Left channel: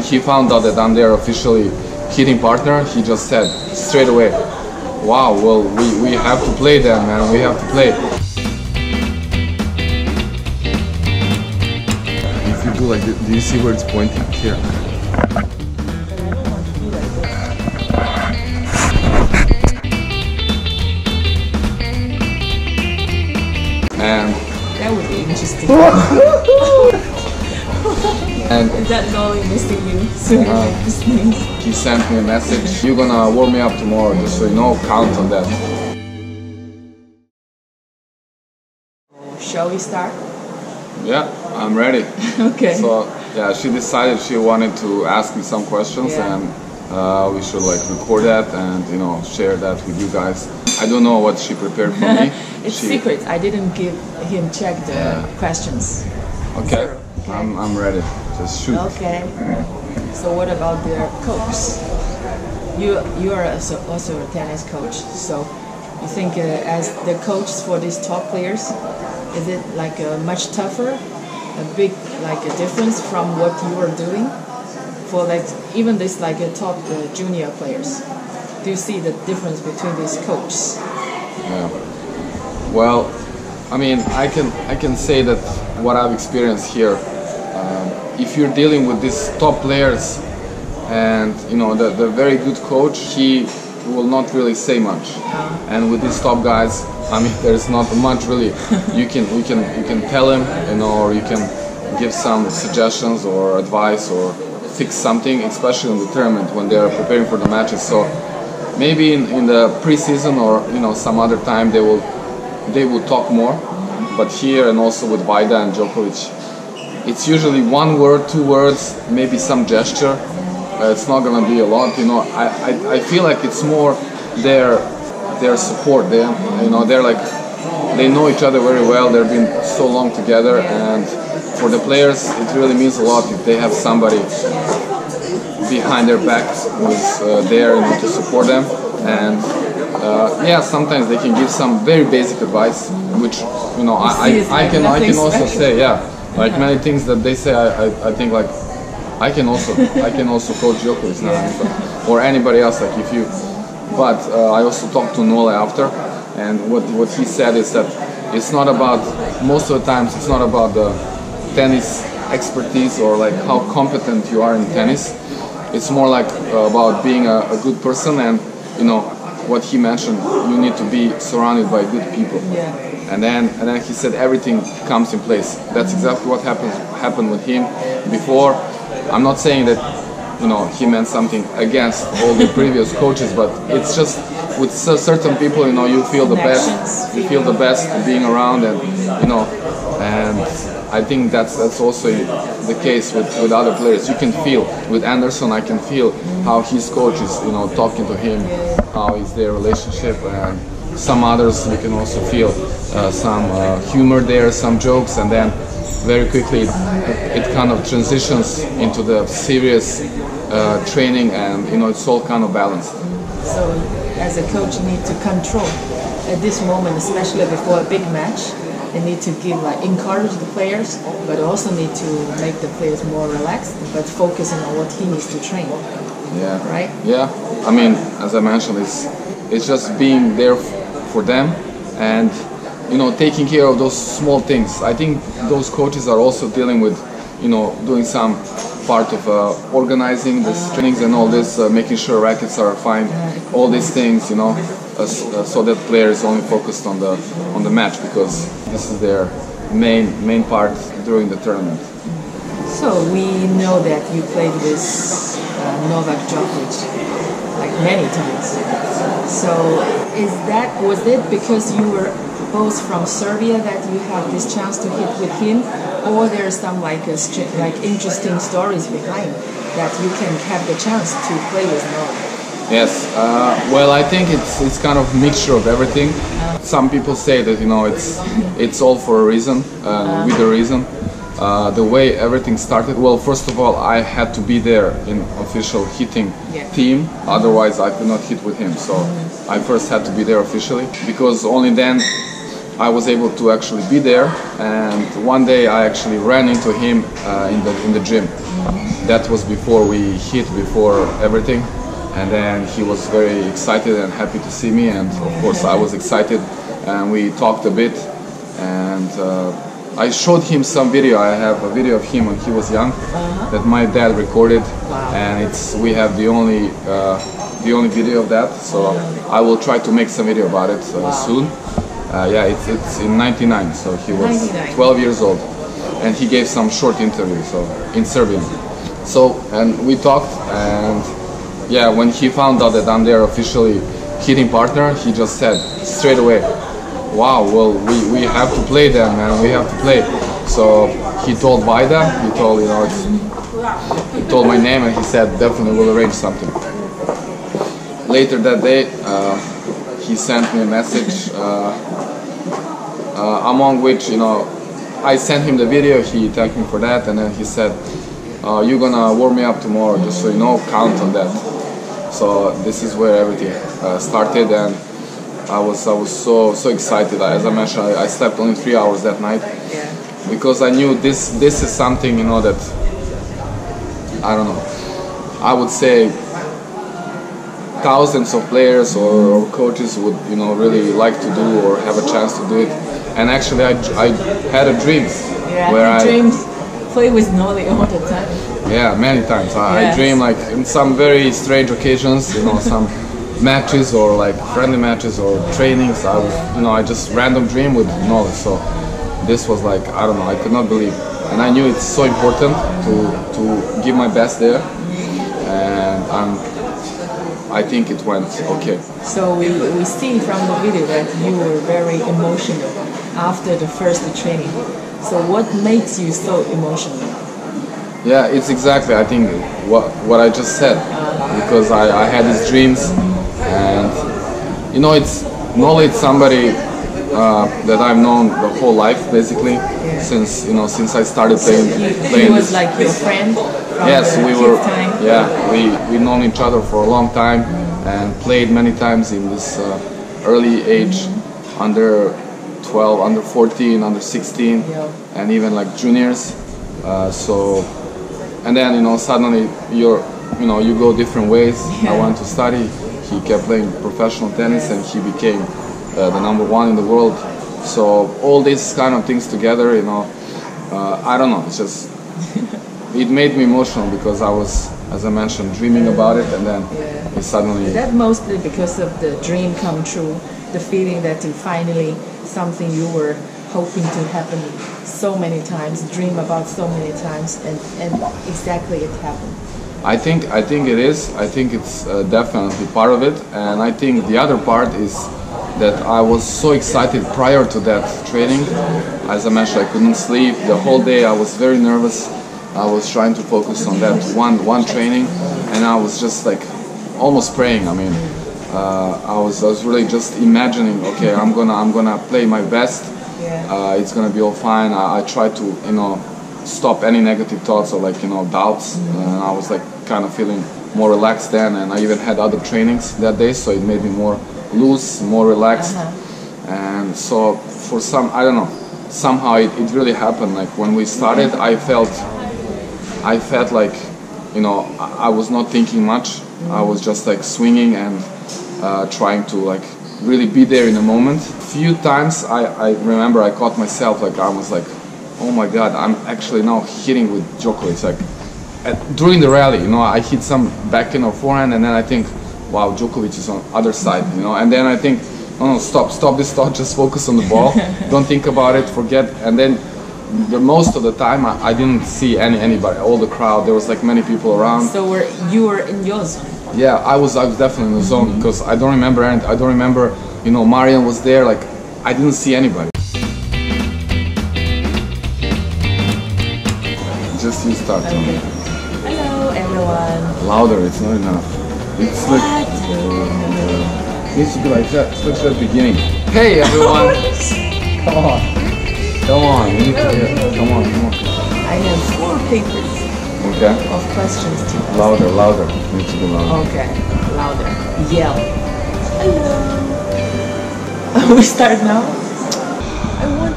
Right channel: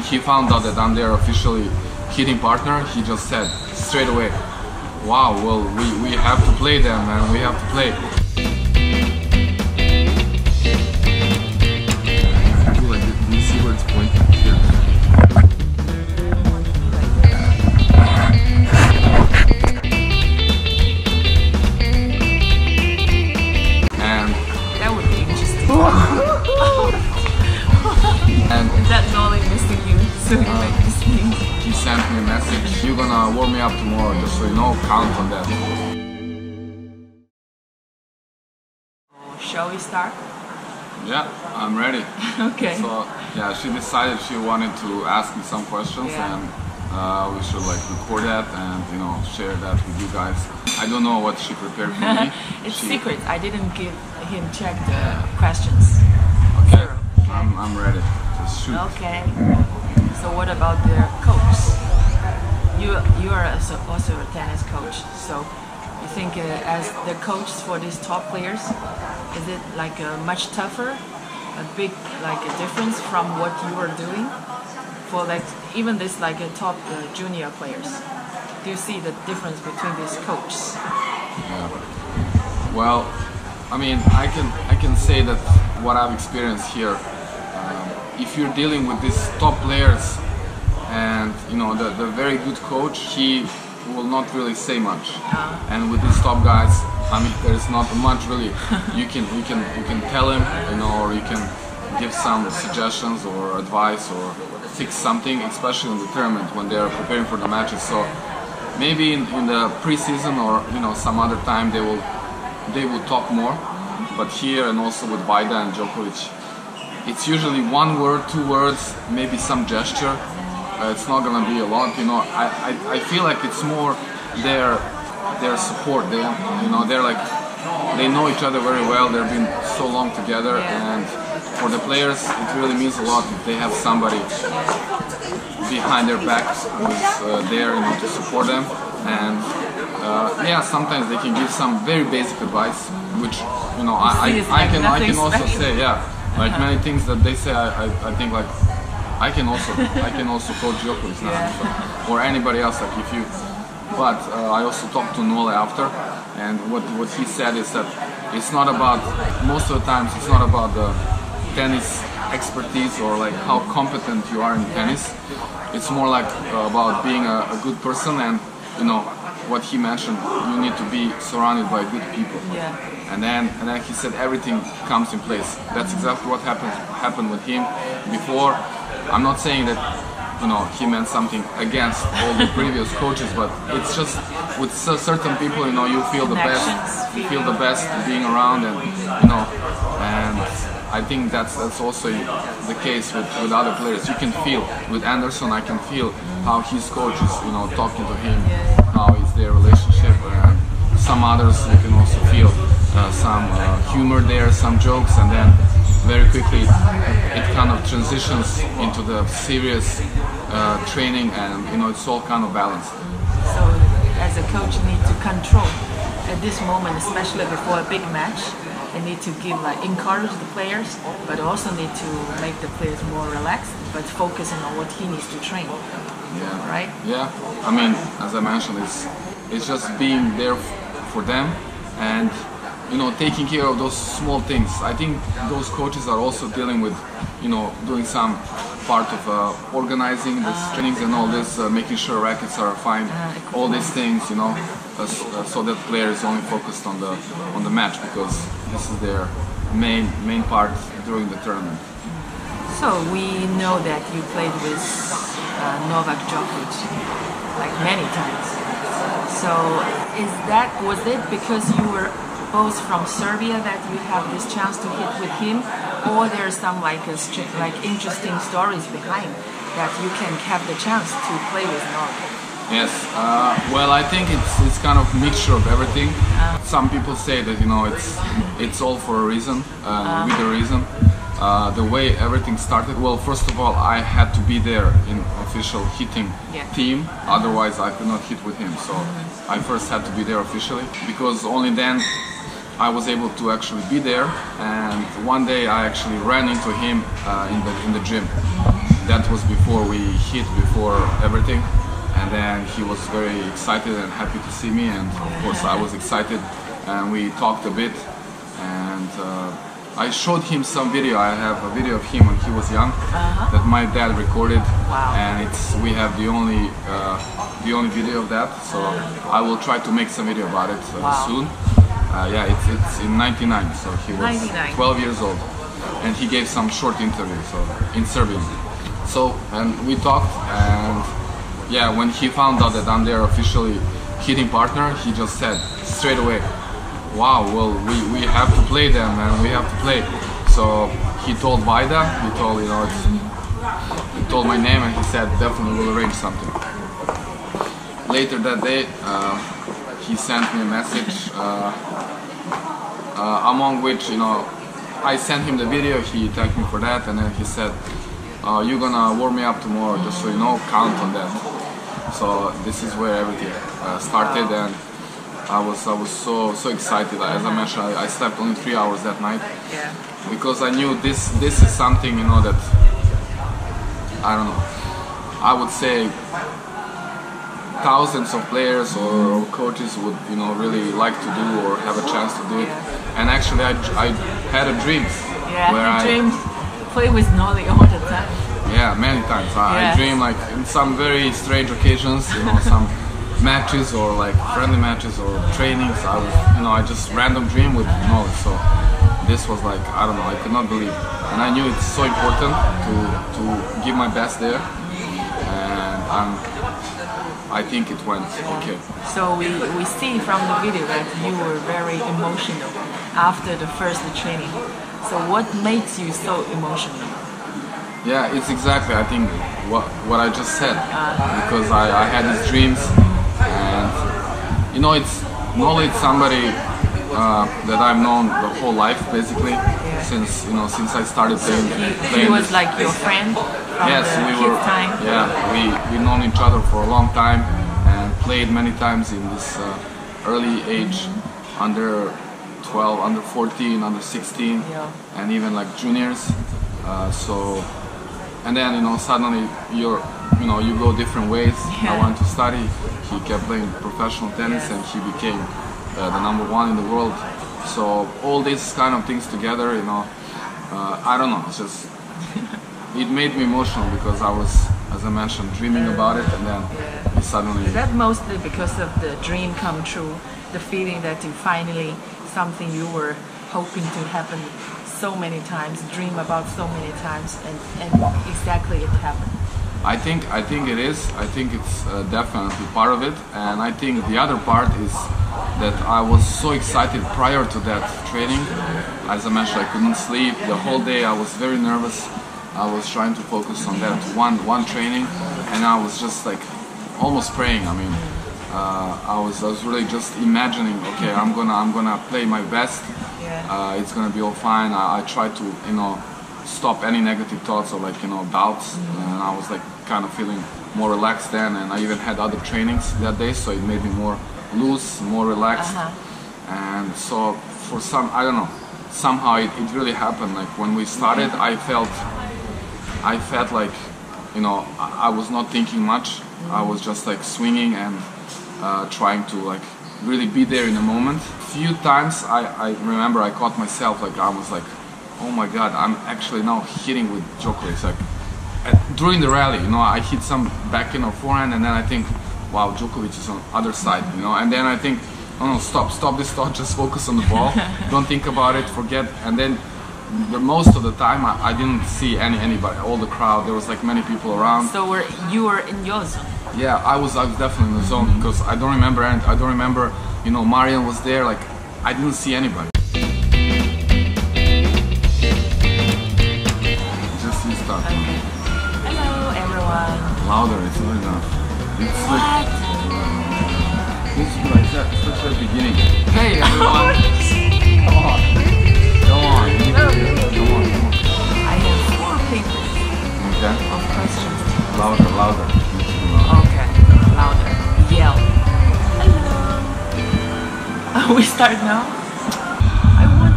when he found out that I'm their officially hitting partner, he just said straight away, wow, well, we have to play then, man, we have to play. If you do like this, do you see where it's pointing? Here. And that would be interesting. And that Nolly missing you, so you make this sneeze. He sent me a message. You're gonna warm me up tomorrow, just so you know, count on that. Shall we start? Yeah, I'm ready. Okay. So yeah, she decided she wanted to ask me some questions, yeah. And we should like record that and share that with you guys. I don't know what she prepared for me. It's secret. I didn't give him check the questions. Okay. Okay. I'm ready. Just shoot. Okay. So what about the coach? You are also a tennis coach. So you think as the coach for these top players, is it like much tougher, a big like a difference from what you are doing for like even this like a top junior players? Do you see the difference between these coaches? Yeah. Well, I mean, I can say that what I've experienced here. If you're dealing with these top players, and the very good coach, he will not really say much. And with these top guys, I mean, there's not much really. You can tell him, or you can give some suggestions or advice or fix something, especially in the tournament when they are preparing for the matches. So maybe in the preseason or some other time they will talk more. But here and also with Vaida and Djokovic, it's usually one word, two words, maybe some gesture. It's not gonna be a lot, I feel like it's more their support. They're like, they know each other very well. They've been so long together, and for the players, it really means a lot if they have somebody behind their backs who's there to support them. And yeah, sometimes they can give some very basic advice, which I can also say, yeah. Like many things that they say, I think like I can also coach Djokovic now, or anybody else. Like if you, but I also talked to Nole after, and what he said is that it's not about, most of the times it's not about the tennis expertise or like how competent you are in tennis. It's more like about being a good person, and what he mentioned, you need to be surrounded by good people. Yeah. And then he said everything comes in place. That's exactly what happened with him before. I'm not saying that he meant something against all the previous coaches, but it's just with certain people, you feel the best. You feel the best being around, and and I think that's also the case with other players. You can feel with Anderson. I can feel how his coach is talking to him, how is their relationship, and some others you can also feel some humor there, some jokes, and then very quickly it kind of transitions into the serious training, and it's all kind of balanced. So as a coach, you need to control at this moment, especially before a big match. They need to encourage the players, but also need to make the players more relaxed, but focusing on what he needs to train. Yeah. Right? Yeah. I mean, as I mentioned, it's just being there for them, and taking care of those small things. I think those coaches are also dealing with doing some part of organizing the trainings and all this, making sure rackets are fine, all these things, so that player is only focused on the match, because this is their main part during the tournament. So we know that you played with Novak Djokovic like many times. So was it because you were both from Serbia that you have this chance to hit with him, or there's some like interesting stories behind that you can have the chance to play with Novak? Yes, well, I think it's kind of mixture of everything. Some people say that it's all for a reason, with a reason. The way everything started, well, first of all, I had to be there in official hitting team, otherwise I could not hit with him. So I first had to be there officially, because only then I was able to actually be there. And one day I actually ran into him in the gym. that was before we hit, before everything. And then he was very excited and happy to see me, and of course I was excited, and we talked a bit, and I showed him some video. I have a video of him when he was young that my dad recorded. Wow. And we have the only video of that, so I will try to make some video about it soon. Yeah, it's in '99, so he was 12 years old, and he gave some short interview in Serbian. So, and we talked, and yeah, when he found out that I'm their officially hitting partner, he just said straight away, wow, well, we have to play them, and we have to play. So he told Vaida, he told, he told my name, and he said definitely we'll arrange something. Later that day, he sent me a message, among which, I sent him the video, he thanked me for that, and then he said, you're gonna warm me up tomorrow, just so you know, count on that. So this is where everything started, and I was so excited. As I mentioned, I slept only 3 hours that night, because I knew this is something, that, I don't know, I would say thousands of players or coaches would, really like to do or have a chance to do it. And actually, I had a dream where I dreamed play with Noli all the time. Yeah, many times. I dream like in some very strange occasions, some matches or like friendly matches or trainings. I just random dream with Noli. So this was like, I don't know, I could not believe. And I knew it's so important to give my best there, and I think it went okay. So we see from the video that you were very emotional after the first training. So what makes you so emotional? Yeah, it's exactly, I think, what I just said. Because I had these dreams, and it's Noli, it's somebody that I've known the whole life, basically, since I started playing. He was like your friend from the time? Yeah, we've known each other for a long time and played many times in this early age, under 12, under 14, under 16, and even like juniors. And then suddenly you go different ways. I wanted to study. He kept playing professional tennis, and he became the #1 in the world. So all these kind of things together, I don't know. It's just it made me emotional because I was, as I mentioned, dreaming about it, and then it suddenly. Is that mostly because of the dream come true, the feeling that you finally something you were hoping to happen so many times, dream about so many times, and exactly it happened? I think it is. I think it's definitely part of it, and I think the other part is that I was so excited prior to that training. As I mentioned, I couldn't sleep the whole day. I was very nervous. I was trying to focus on that one training, and I was just like almost praying. I mean, I was really just imagining, okay, I'm gonna play my best. It's gonna be all fine. I tried to stop any negative thoughts or doubts, and I was like kind of feeling more relaxed then. And I even had other trainings that day, so it made me more loose, more relaxed. And so for I don't know, somehow it really happened. Like when we started, I felt like I was not thinking much. I was just like swinging and trying to like really be there in the moment. Few times I remember I caught myself like I was like, oh my god, I'm actually now hitting with Djokovic. Like during the rally, I hit some backhand or forehand, and then I think, wow, Djokovic is on the other side, and then I think, no, stop this thought, just focus on the ball, don't think about it, forget. And then most of the time I didn't see anybody, all the crowd, there was like many people around. So you were in your zone? Yeah, I was definitely in the zone, because I don't remember anything. I don't remember, Marian was there, like I didn't see anybody. Just you start. Okay. Hello everyone. Louder, it's not enough. It's what? Like it needs to be like that, especially at the beginning. Hey everyone! Come on. Come on, you need to hear. Come on. I have 4 papers of questions to ask. Louder. You need to be louder. Okay, louder. Yell. Hello. We start now? I want